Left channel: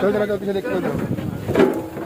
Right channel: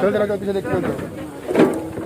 चल चला, चल पीछे देख के चल।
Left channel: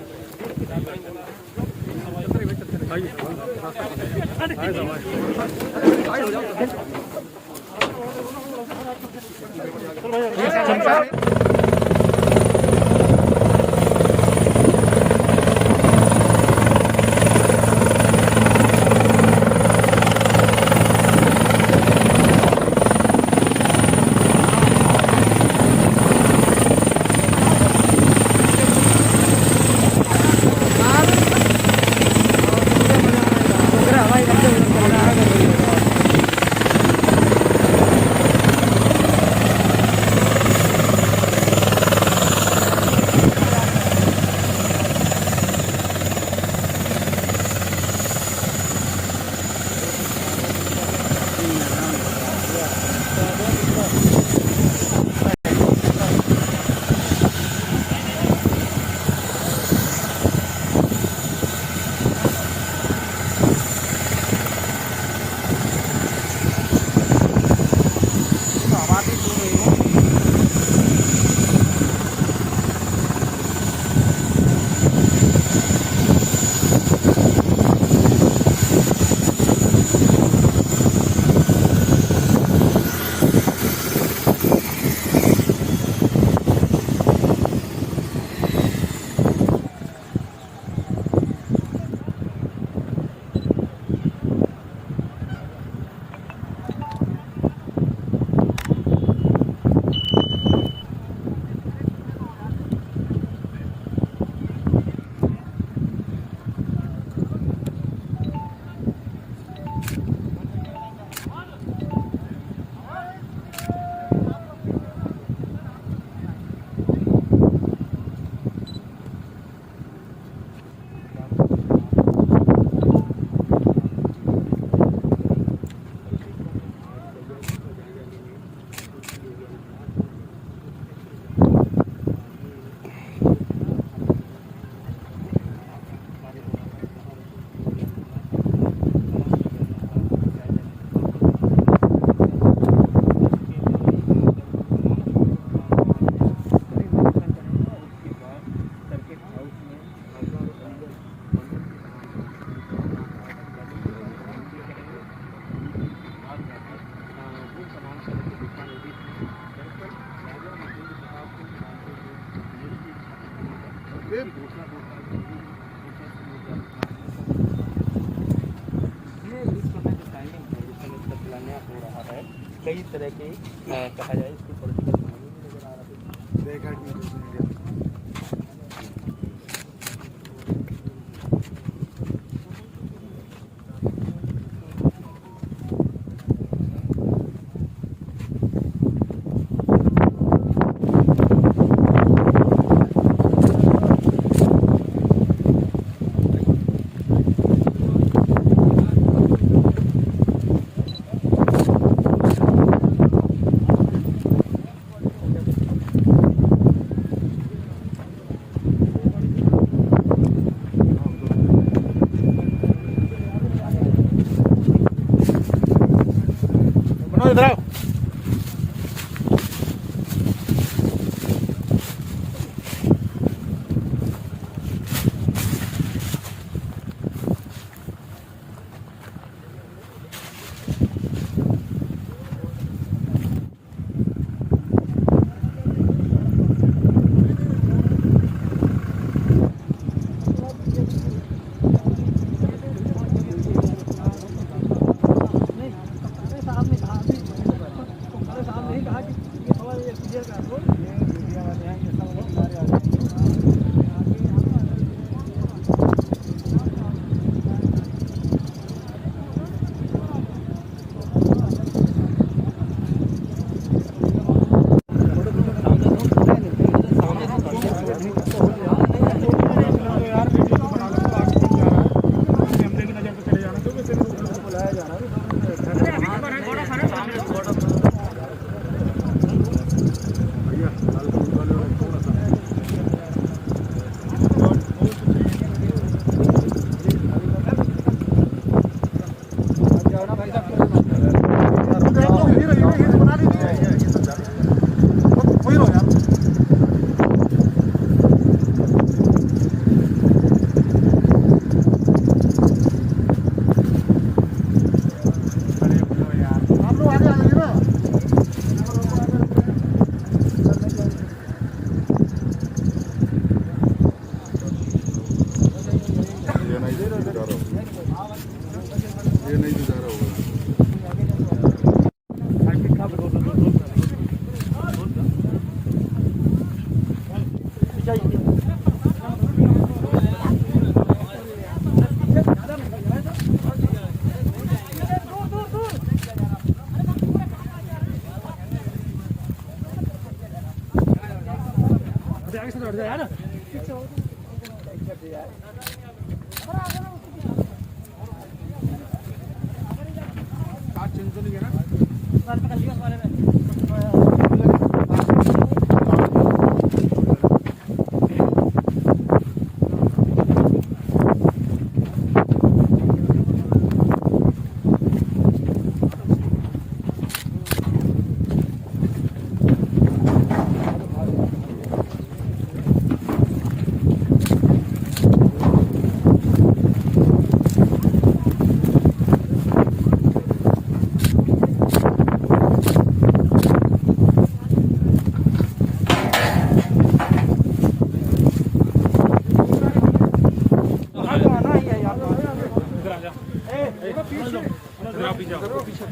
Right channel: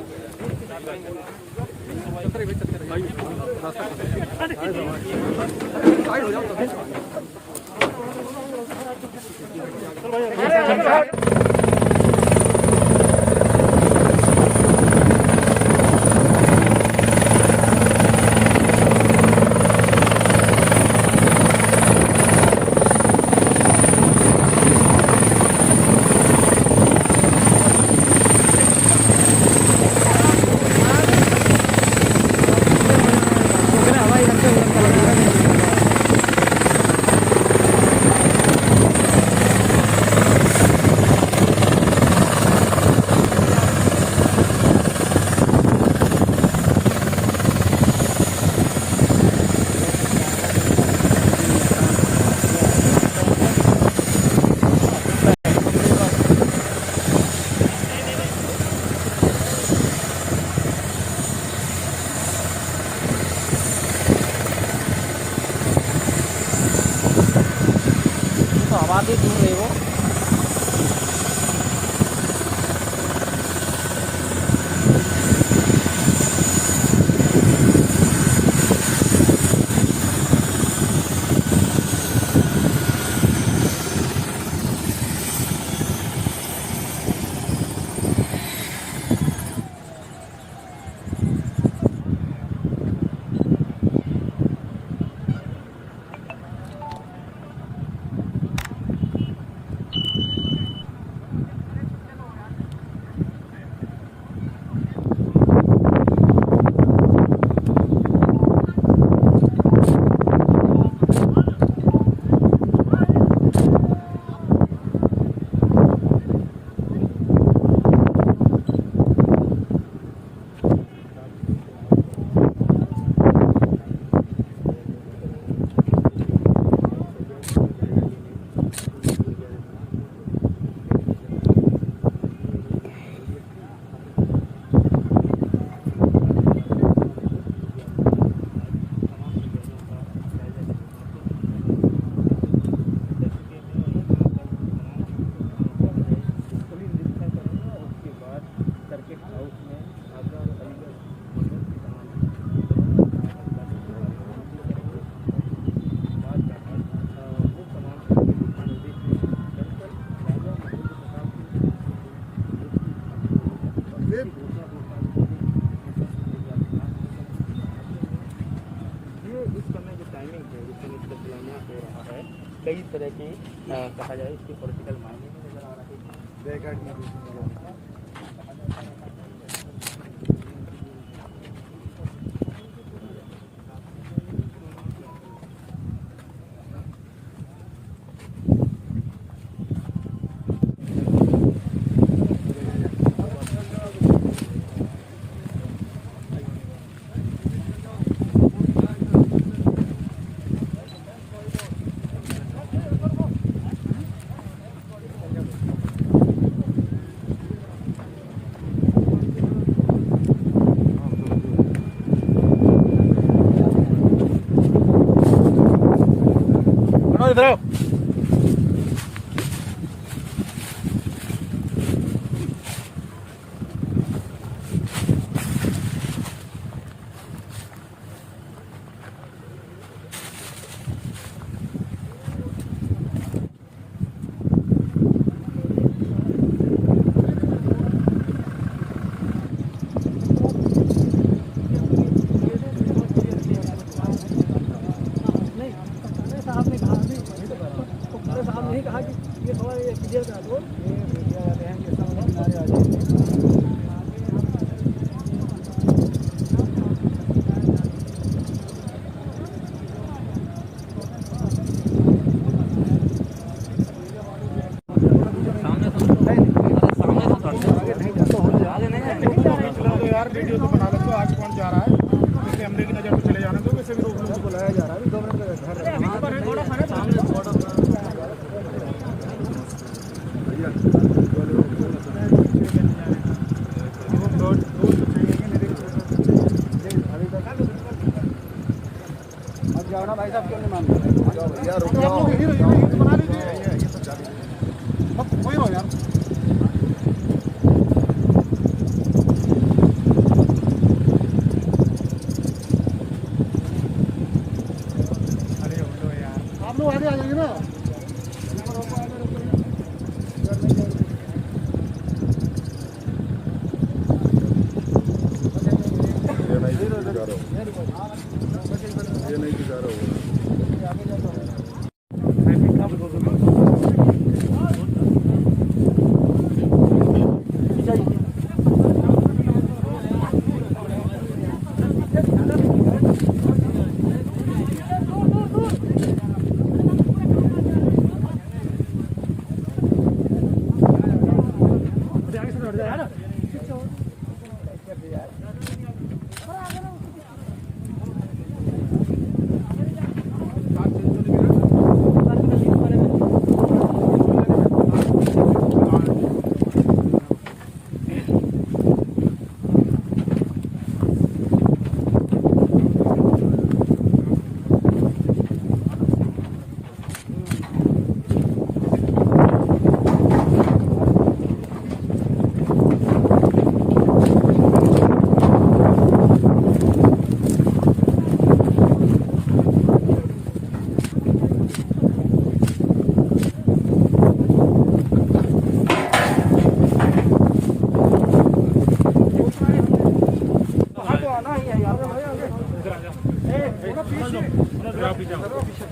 कई तरह के कहा जाए उसको पॉलिटिकल मायने में नजर आ रहा है।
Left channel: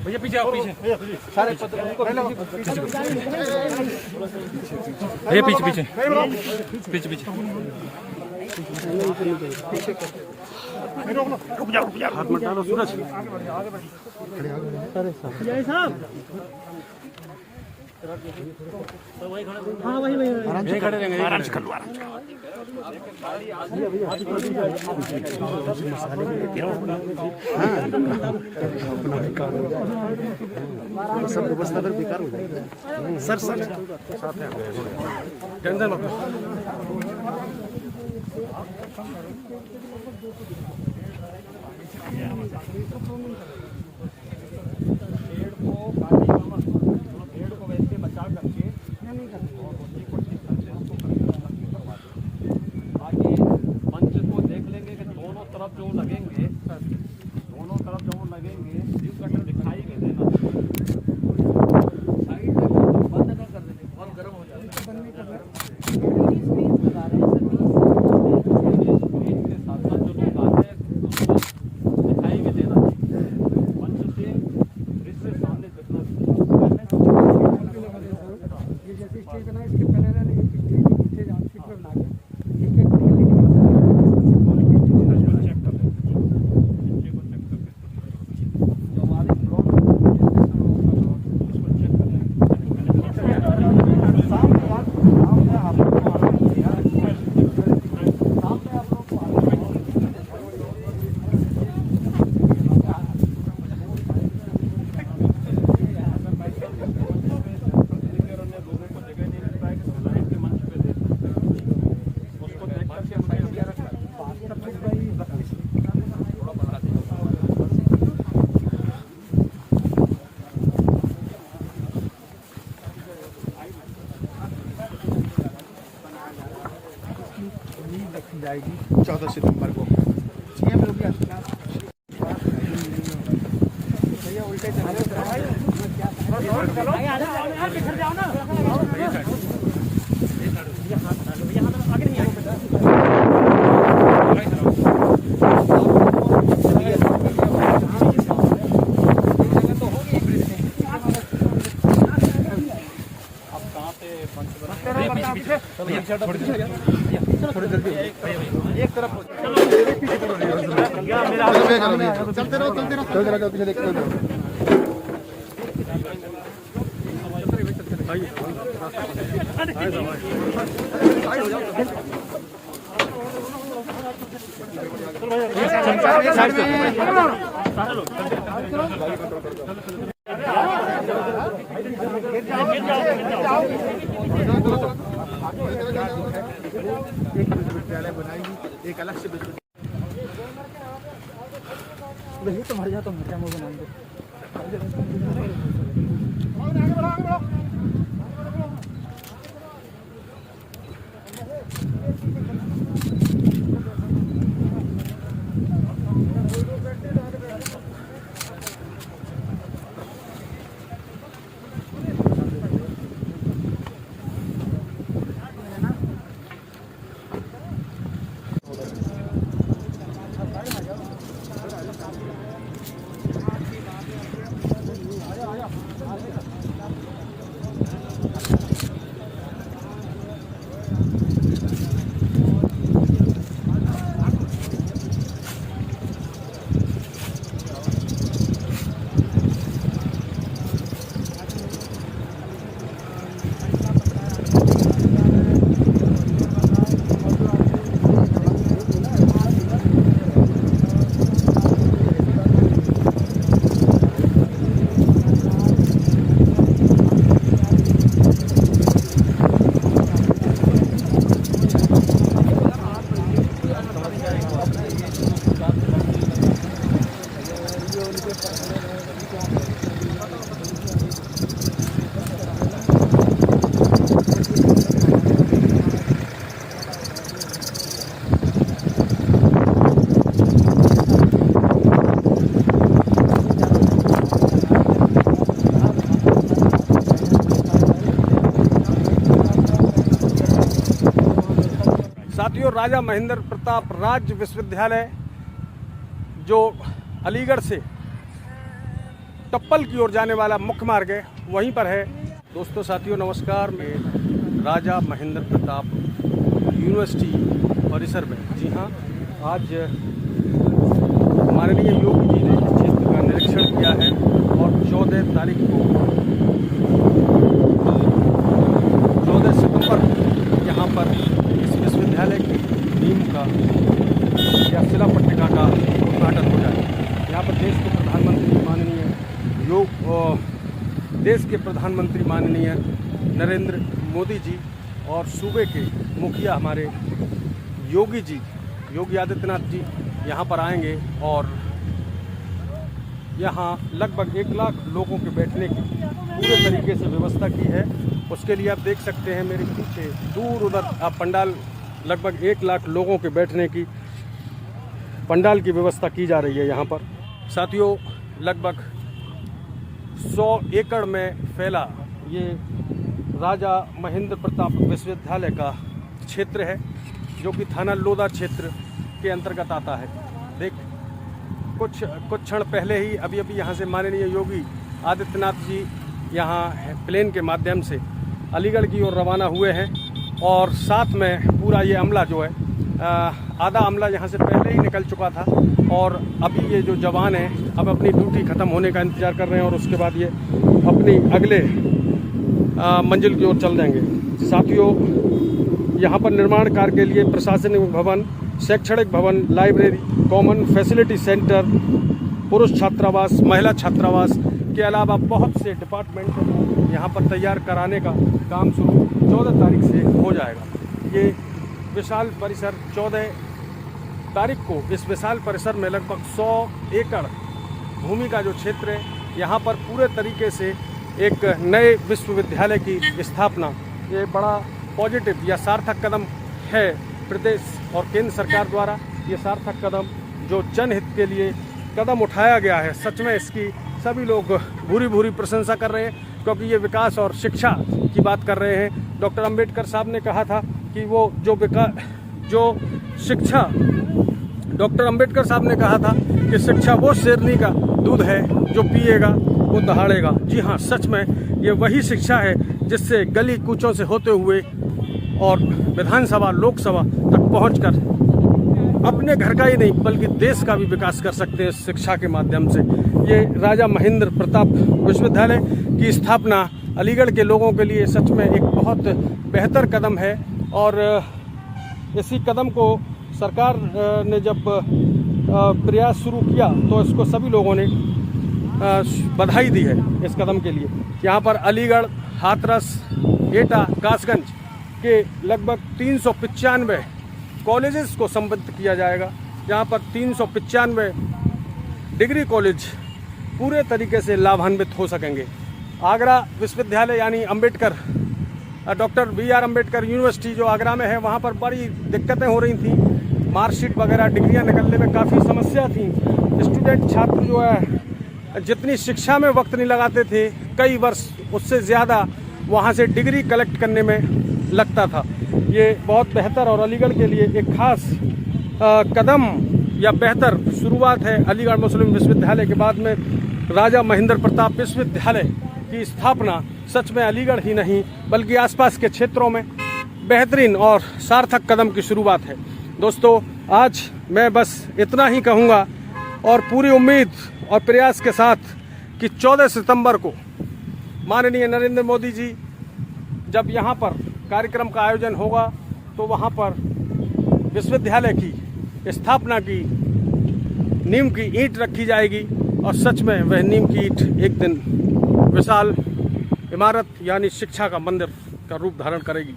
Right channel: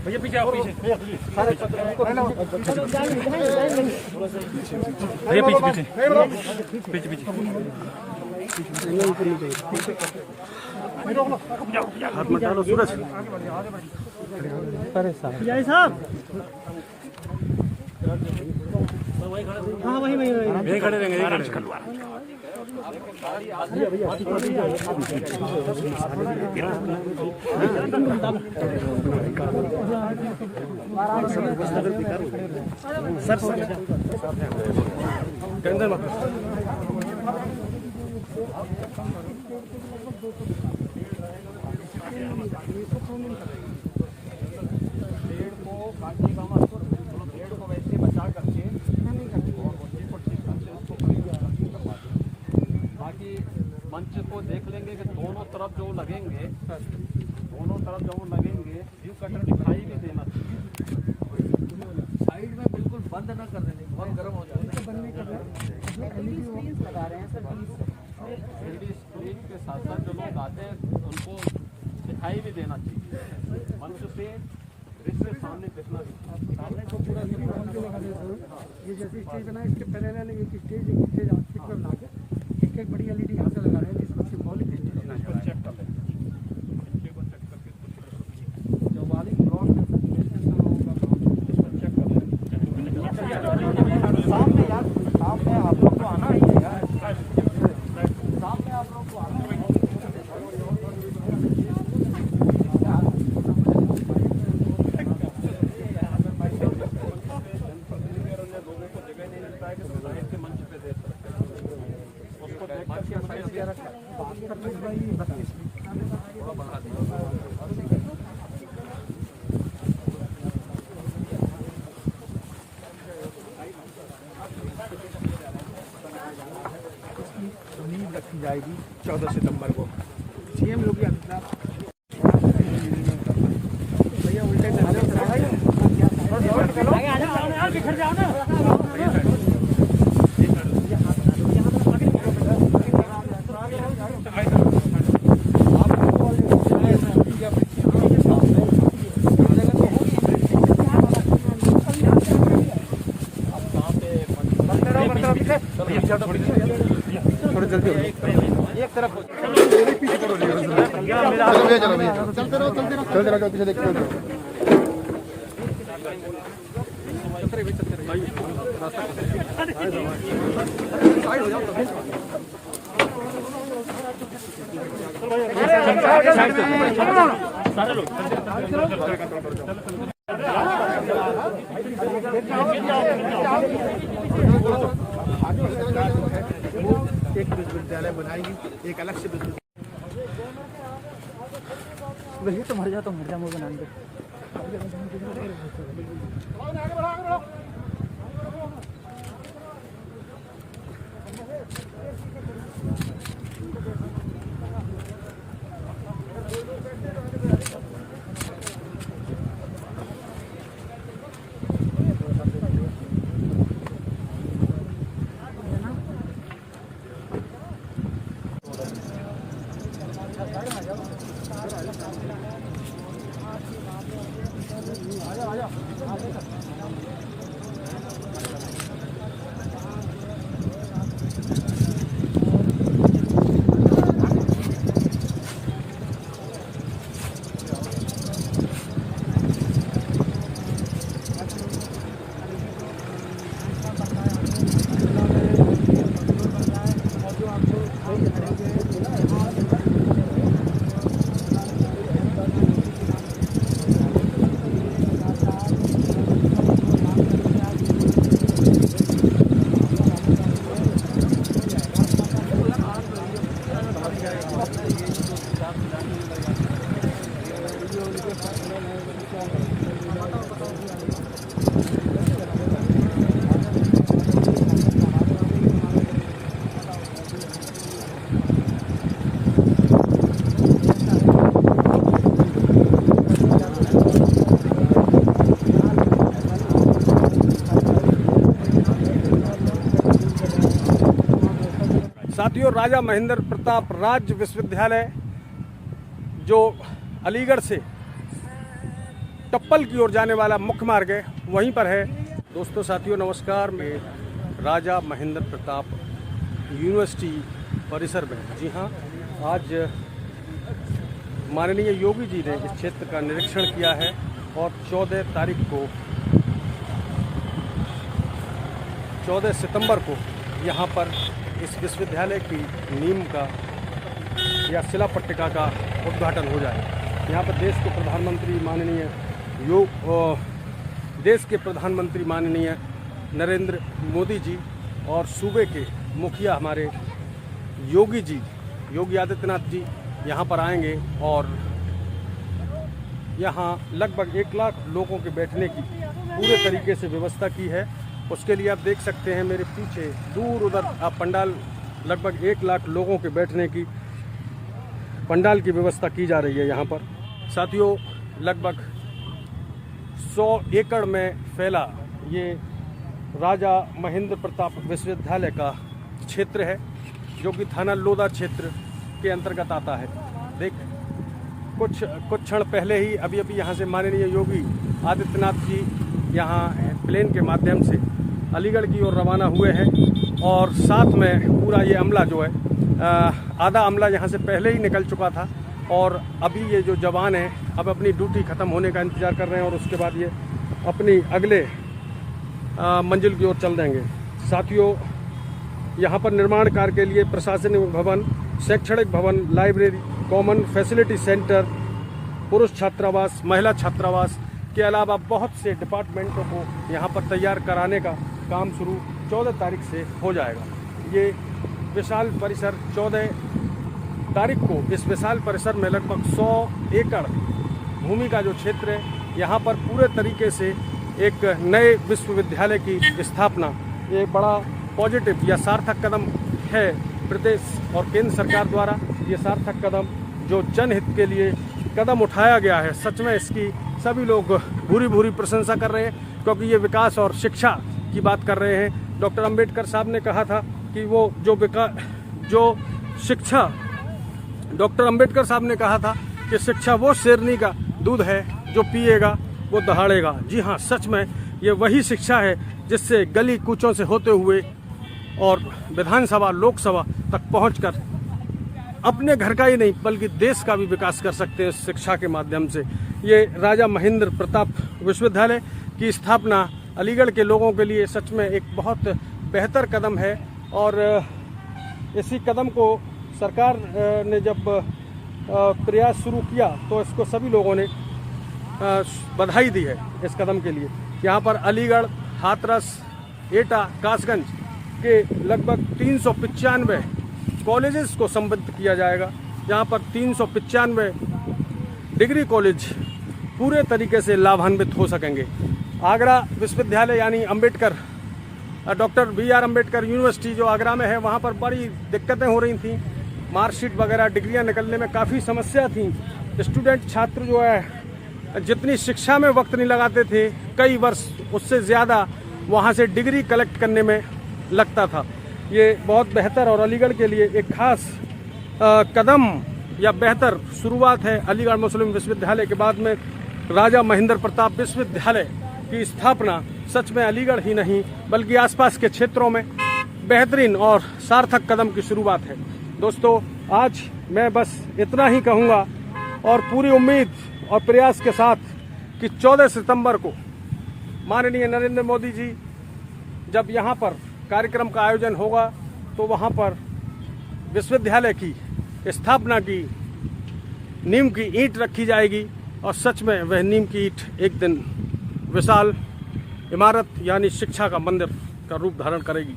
भैया पीछे आओ, पीछे भैया पीछे पीछे पीछे हाथ मत डालो सूरज। अरे साहब यही खड़े रहेंगे, यही खड़े सर पेड़ को काटिएगा मत, पेड़ को वैसे बचा करके बाकी मंच को देख लेंगे कि दोनों तरफ जो लगेंगे व्यू कटर दिखाई भी देना चाहिए, बंद ना कर देने, बहुत गर्म हो जाता है। स्क्रीन के साथ साथ जो लोग आते हैं उनको दिखाई भी देना चाहिए, मंच से दृश्य सामने दिखना चाहिए। ये जैसे स्टेज बना है, इसके पहले वाले एक स्टेज आउटफिट पर बना के एक एक बड़ी एलईडी यहाँ से लगा रहे हैं, जिसको सिंबल के स्टेज चेक कर लेंगे, नीचे को चेक करके जब आगे फ्रंट इसको चेक कर लेंगे। सामने यार, सामने आप लोग को आना ही है यार, सामने आप लोग को आना है। लोगों को जगह नहीं मिल पाएगा तो लाइन के मंच पे दे सकते हैं, उसको देख करके मुझे थोड़ा बढ़ा दिया। रखी जाएगी 14 सितंबर को। सीएम लोग भी आते हैं भैया, उल्टे चल रहे हो ना। थोड़ी जल्दी एक तरफ मेरा चलते रहो पीछे देखते रहो। एक विद्यालय बनाएगी, एक अलग से वही तो मर जा वो बना दे। साथियों, राजा महेंद्र प्रताप राज्य विश्वविद्यालय जो अलीगढ़ से टप्पल की ओर जाने वाला मुख्य मार्ग है, वहीं पर है। दोस्तों, साथियों नमस्कार। मैं राजा महेंद्र प्रताप यूनिवर्सिटी परिसर में, जी हाँ, आज माननीय योगी जी ने इस क्षेत्र का निरीक्षण किया है और 14 तारीख को 14 सितंबर को यहाँ पर इस विश्वविद्यालय की नींव का या शिला पट्टिका का उद्घाटन हो जाएगा। यहाँ पर देश के प्रधानमंत्री माननीय नरेंद्र मोदी जी और सूबे के मुखिया हमारे योगी आदित्यनाथ जी यहाँ पर आएंगे और यहाँ लगभग 1 लाख लोगों के बैठने की पूरे तरीके से व्यवस्था की है। उसके लिए आप देख सकते हैं मेरे पीछे दूर उधर पंडाल, लगभग 1 लाख लोगों के बैठने की पंडाल की व्यवस्था की जा रही है यहाँ पर। साथियों, लगभग 100 एकड़ में फैला ये राजा महेंद्र प्रताप विश्वविद्यालय का क्षेत्र है, जो कि थाना लोधा क्षेत्र के अंतर्गत आता है। देख, कुछ क्षण पहले ही अभी यहाँ से माननीय योगी आदित्यनाथ जी यहाँ प्लेन के माध्यम से अलीगढ़ की ओर रवाना हुए हैं और साथ में पूरा ये अमला जो है, आधा अमला यहाँ से पहले ही निकल चुका था और अभी ये जो जवान हैं अब अपनी ड्यूटी खत्म होने का इंतजार कर रहे हैं और उसके बाद ये अपनी अगले मंजिल की ओर चल देंगे। साथियों, यहाँ पर निर्माण कार्य के लिए प्रशासनिक भवन, शैक्षणिक भवन, लाइब्रेरी, कॉमन फैसिलिटी सेंटर, पुरुष छात्रावास, महिला छात्रावास के अलावा बहुत से डिपार्टमेंटों को यहाँ पर तैयार कराने का काम शुरू 14 तारीख से हो जाएगा। ये विशाल परिसर 14 तारीख को इस विशाल परिसर में लगभग 100 एकड़ भूमि का जो क्षेत्र है, यहाँ पर पूरे तरीके से एक नए विश्वविद्यालय की स्थापना, ये बड़ा पॉजिटिव या सार्थक कदम है प्रदेश और केंद्र सरकार द्वारा। ये सार्थक कदम जो जनहित के लिए कदम उठाया गया है, सच में इसकी सभी लोग भूरी प्रशंसा कर रहे हैं, क्योंकि ये विकास और शिक्षा की बात कर रहे हैं। डॉक्टर अंबेडकर साहब ने कहा था कि वो डॉक्टर अंबेडकर साहब ने कहा था कि शिक्षा वो शेरनी का दूध है जो पिएगा वो दहाड़ेगा। जी हाँ, सच में ये वही शिक्षा है जिससे गली कूचों से होते हुए और विधानसभा, लोकसभा तक पहुंचकर अपने घर का ही नहीं बल्कि देश का भी विकास कर सकते हैं शिक्षा के माध्यम से। ये राजा महेंद्र प्रताप विश्वविद्यालय की स्थापना अलीगढ़ के लोगों के लिए सच में एक बहुत बेहतर कदम है और इसी कदम को सरकार ने जब प्रयास शुरू किया तो इसको सभी लोगों ने बधाई दी है इस कदम के लिए। यहाँ पर अलीगढ़, हाथरस, एटा, कासगंज के लगभग 395 कॉलेजेस को संबद्ध किया जाएगा। यहाँ पर 395 डिग्री कॉलेज पूरे तरीके से लाभान्वित हो सकेंगे। आगरा विश्वविद्यालय यानी Ambedkar, doctor BR Ambedkar university जो आगरा में है, वहाँ पर बड़ी दिक्कतें हो रही थी, मार्कशीट वगैरह डिग्रियां निकलने में काफ़ी समस्या थी। स्टूडेंट छात्र जो है जितनी शिक्षा में वक्त नहीं लगाते थे, कई वर्ष उससे ज़्यादा वहाँ से डिग्री कलेक्ट करने में लगता था। ये बहुत बेहतर और अलीगढ़ के लिए एक खास कदम या बेहतर शुरुआत है। अलीगढ़ मुस्लिम विश्वविद्यालय के बाद में राजा महेंद्र प्रताप विश्वविद्यालय की स्थापना सच में अलीगढ़ ही नहीं बल्कि आसपास के क्षेत्रों में बेहतरीन और सार्थक कदम की शुरुआत है। दोस्तों, आज मैं बस इतना ही कहूँगा और पूरी उम्मीद और प्रयास के साथ कि 14 सितंबर को माननीय नरेंद्र मोदी जी जब यहाँ पर कार्यक्रम का आयोजन होगा तो वहाँ पर विश्वविद्यालय की स्थापना की नींव की ईंट रखी जाएगी और सच में वह नींव की ईंट एक दिन विशाल इमारत यानी शिक्षा का मंदिर का रूप धारण करेगी।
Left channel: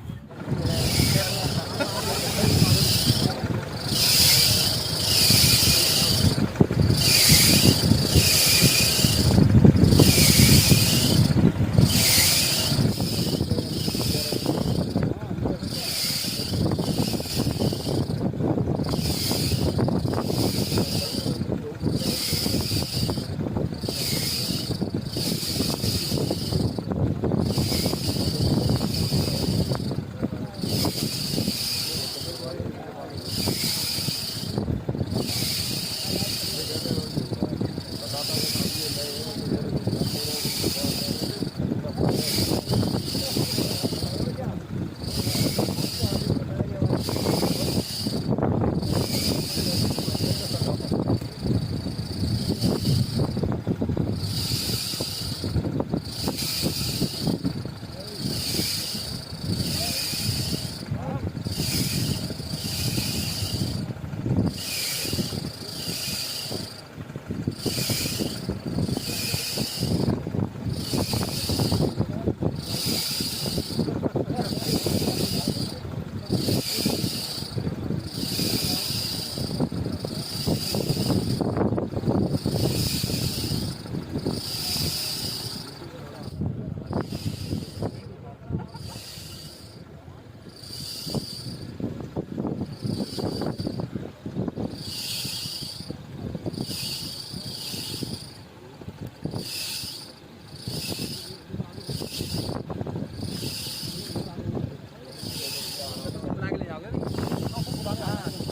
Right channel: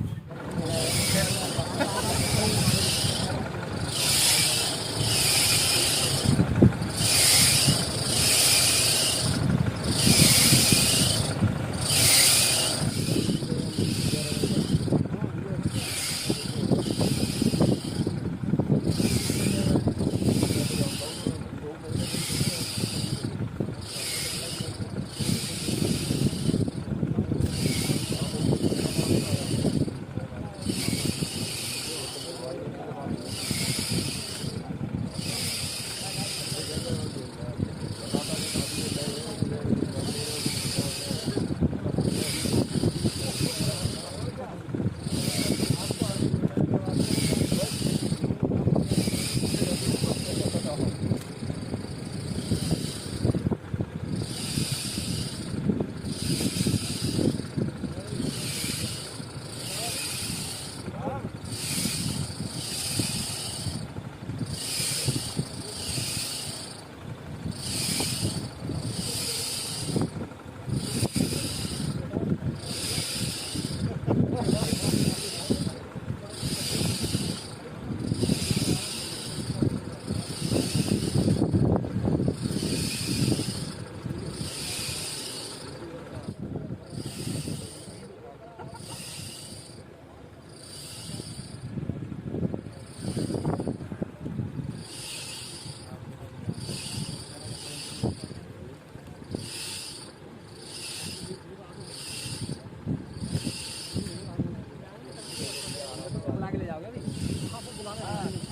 लागले जाओगे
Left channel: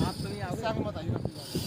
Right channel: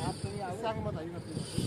आप तो नहीं आओगे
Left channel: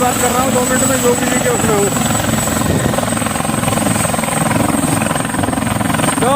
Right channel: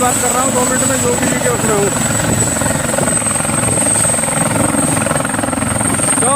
बात कर रहा हूँ, 2 मिनट में योगी जी के उसमें हूँ। तो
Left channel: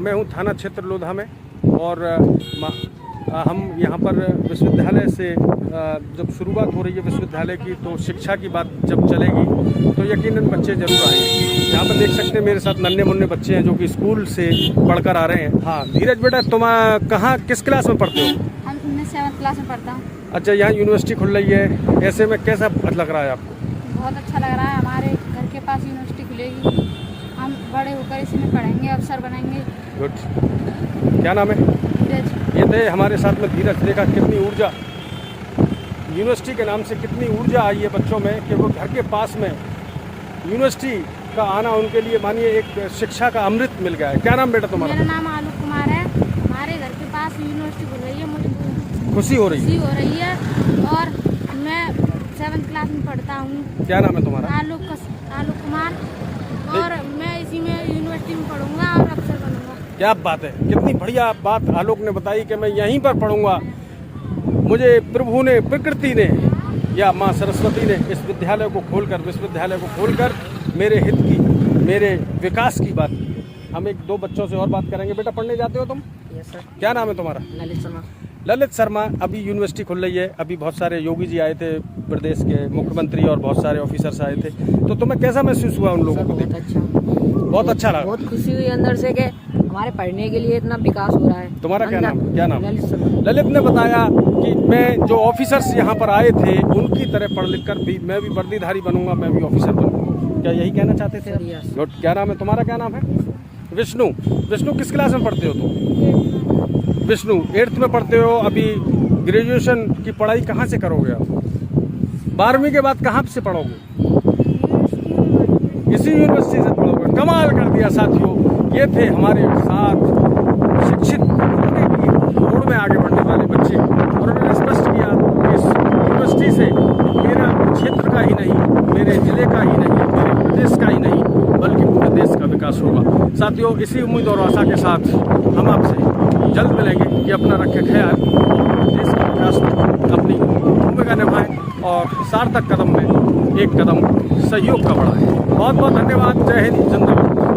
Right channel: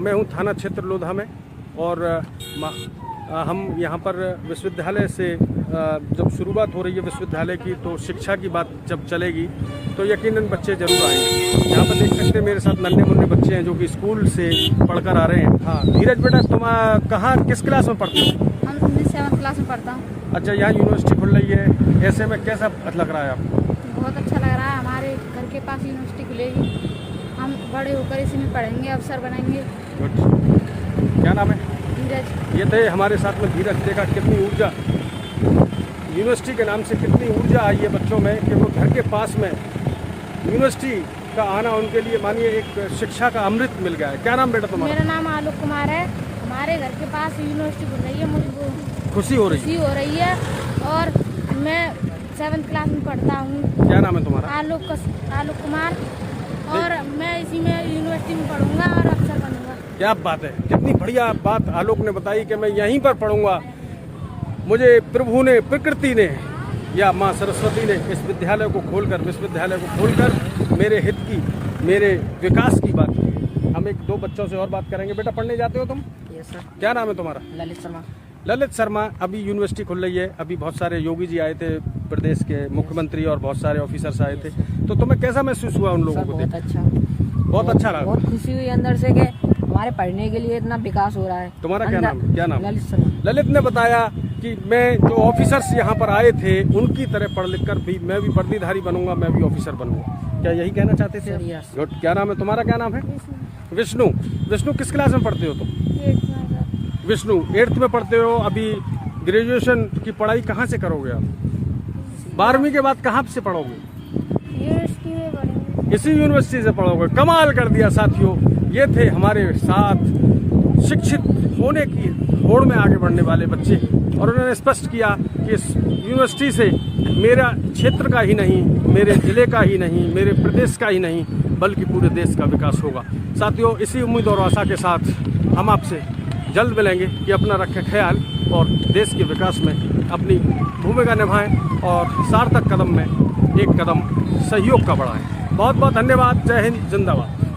मैं हूं थाना क्षेत्र लोधा में और हम यहाँ पर विश्वविद्यालय से जब शुरुआत हो रही है विश्वविद्यालय की, तो शिक्षा की बात जब चलेगी तो यकीनन बच्चे जरूर आएंगे। यहाँ पर देख सकते हैं मेरे साथ नन्हे मुन्ने बच्चे हैं जो कि स्कूल से पढ़कर आ रहे हैं। हाँ धीरज बेटा, तुम कहाँ किस क्लास में पढ़ते हो? मैं 7th क्लास में पढ़ता हूँ। अच्छा, यहाँ यूनिवर्सिटी खुल रही है, ऐसे में कैसा लग रहा है आपको? बहुत अच्छा लग रहा है। हमारे घर के पास यूनिवर्सिटी खुलेगी, हम बड़े होकर इसी में पढ़ेंगे, अफसर बनेंगे। गुड। क्या नाम है? धीरज। ये थे हमारे साथ में धीरज। देखा कितनी ऊर्जा, यूनिवर्सिटी के नाम से कितनी ऊर्जा आई है बच्चों में कि वो घर के पास में यूनिवर्सिटी का आना उनके लिए मानिए एक शिक्षा का अमृत मिल गया है। क्या नाम बेटा तुम्हारा? मेरा नाम आलोक कुमार है। हमारे घर के पास यूनिवर्सिटी खुल रही है, मुझे खुशी हो रही है और मैं 7th क्लास में पढ़ता हूँ। क्या नाम है तुम्हारा? आलोक कुमार। और मैं इसी में यूनिवर्सिटी में पढ़ूंगा और अफसर बनूंगा। क्या बात है, कितनी बढ़िया बात आलोक ने बताई कि मैं यहीं पर पढ़ूंगा। मुझे प्रभु ने, प्रकृति ने या माँ सरस्वती ने इस विद्यालय को खोलकर, विश्वविद्यालय को खोलकर मेरे हित की, मेरे विकास की बात की। हम 1-2 बच्चों से और बात करेंगे। बेटा पढ़ने जाते हो तुम? Yes sir. क्या नाम है तुम्हारा? ललित शर्मा। ललित शर्मा। अभी यूनिवर्सिटी खुल रही है, अभी बहुत सारे योगी जी आए थे, प्रदेश के मुख्यमंत्री और बहुत सारे ऑफिसर्स आए थे, तो तुम्हें कैसा महसूस हुआ उन लोगों को? बहुत अच्छा, बहुत अच्छा लगा। बहुत खुशी हुई अंदर से कि हमारे पढ़ने के लिए इतना विकास हो रहा है। तुम्हारा क्या नाम है? क्या नाम? ललित शर्मा। ललित ने बताया कि मैं जो ऑफिसर्स यहाँ पर आए थे उनकी तरह पढ़ लिख कर भी मैं भी वर्दीधारी बनूंगा, मैं भी ऑफिसर बनूंगा। क्या यही कहना चाहते थे? गुड। क्या नाम है तुम्हारा? क्या नाम है? विष्णु। विष्णु किस क्लास में पढ़ते हो तुम? विष्णु 8th में पढ़ते हो। अभी ग्रेजुएशन की पढ़ाई कहाँ से करोगे आप? 12वीं के बाद कहाँ से पढ़ोगे? इसी यूनिवर्सिटी से पढ़ोगे। कमाल कर दिया साथियों। ये थे हमारे साथ शिक्षित होने की होड़ में आगे बढ़ने वाले बच्चे और उन्होंने स्पष्ट किया कि इस यूनिवर्सिटी से मेरा क्षेत्र का ही नहीं, मेरे जिले का ही नहीं, मेरे प्रदेश का ही नहीं, बल्कि पूरे देश का विकास होगा। साथियों, इसी उम्मीद और आशा के साथ हम आपसे जल्द मिलेंगे कि अपना रखें ख्याल और देश के विकास में अपनी भूमिका निभाएं और सार्थक कदम में एक कदम सहयोग का बढ़ाएं। बहुत बहुत धन्यवाद। जय हिंद, जिंदाबाद।